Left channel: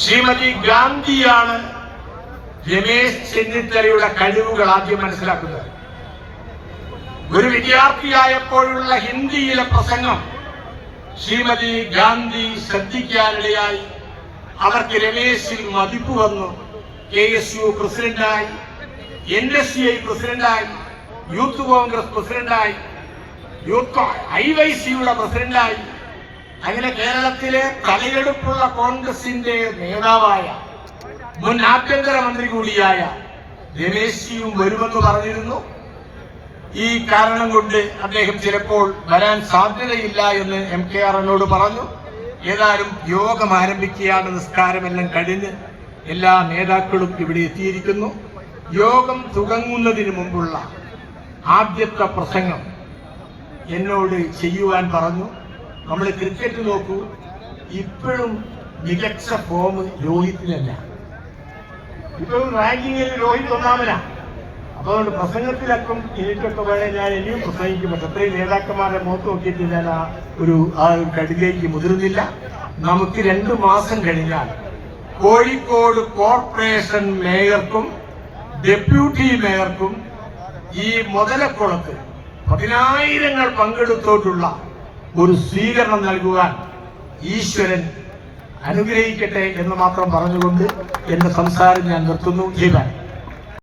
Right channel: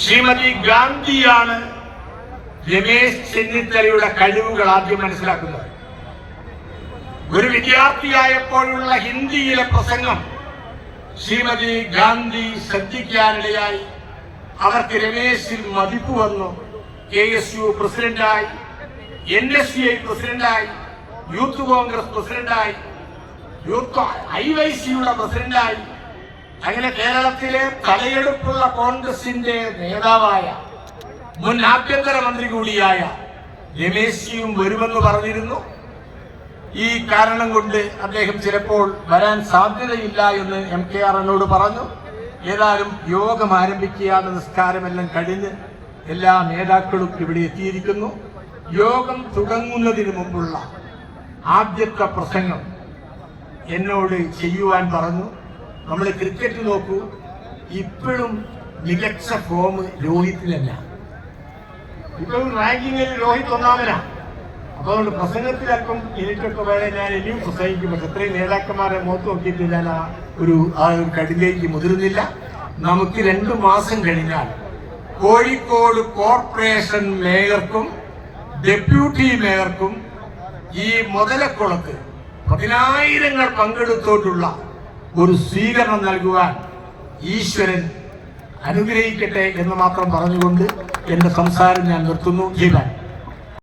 ശ്രീമതി ഗാന്ധിയാണ് രമേശ് ചെന്നിത്തലയുടെ കഴിവുകൾ ആദ്യം മനസ്സിലാക്കുന്നത്. ഒരു വിദ്യാർത്ഥിയായപ്പോഴുള്ള ഹിന്ദിയിലെ പ്രസംഗം ശ്രീമതി ഗാന്ധി ശ്രദ്ധിക്കാനിടയായി. അവർക്ക് രമേശിൽ മതിപ്പ് വന്നു. KSU പ്രസിഡന്റായി, NSCI പ്രസിഡന്റായി, യൂത്ത് കോൺഗ്രസ് പ്രസിഡന്റായി, യൂത്ത് IYC-യുടെ പ്രസിഡന്റായി. അങ്ങനെ കേരളത്തിലെ തലയെടുപ്പുള്ള കോൺഗ്രസിന്റെ നേതാവായ മുൻ ആഭ്യന്തരമന്ത്രി കൂടിയായ രമേശിയും വരുമെന്ന് പറഞ്ഞിരുന്നു. ഈ കാരണം കൊണ്ട് അദ്ദേഹം ചിലപ്പോൾ വരാൻ സാധ്യതയില്ല എന്ന് MKR എന്നോട് പറഞ്ഞു. ഏതായാലും യോഗം ആരംഭിക്കുകയാണ്. നിസ്കാരമെല്ലാം കഴിഞ്ഞ് എല്ലാ നേതാക്കളും ഇവിടെ എത്തിയിരിക്കുന്നു. യോഗം തുടങ്ങുന്നതിന് മുമ്പുള്ള ആദ്യത്തെ പ്രസംഗം എന്നോട് ചെയ്യുവാൻ പറഞ്ഞു. നമ്മൾ ക്രിക്കറ്റ് നോക്കൂ, ഇപ്പോഴും മികച്ച ഫോം രോഹിത്തിലല്ല. ഇപ്പോഴും റാങ്കിങ്ങിൽ രോഹിത് ഒന്നാമനാണ്. അപ്പോൾ പ്രസംഗത്തിലൊക്കെ എനിക്കൊക്കെ വേറെ ഞാൻ ഇനിയും പ്രസംഗിക്കുമ്പോൾ അത്രയും നേതാക്കന്മാരെ നോക്കി നോക്കിയിട്ട് ഞാൻ ആ ഒരു കടിലേക്ക് മുതിർന്നില്ല. നമുക്ക് 2 മാസം കഴിഞ്ഞാൽ കോഴിക്കോട് കോർപ്പറേഷൻ മേയർക്കും ഡെപ്യൂട്ടി മേയർക്കും ഈ മുതലക്കുളത്ത് 10,000 പങ്കെടുത്തോട്ടുള്ള ഒരു സ്വീകരണം നൽകുവാൻ ഈശ്വരൻ അനുഗ്രഹിക്കട്ടെ എന്ന് മാത്രം പറഞ്ഞുകൊണ്ട് എന്റെ സംസാരം ഞാൻ നിർത്തുന്നു. ജീവൻ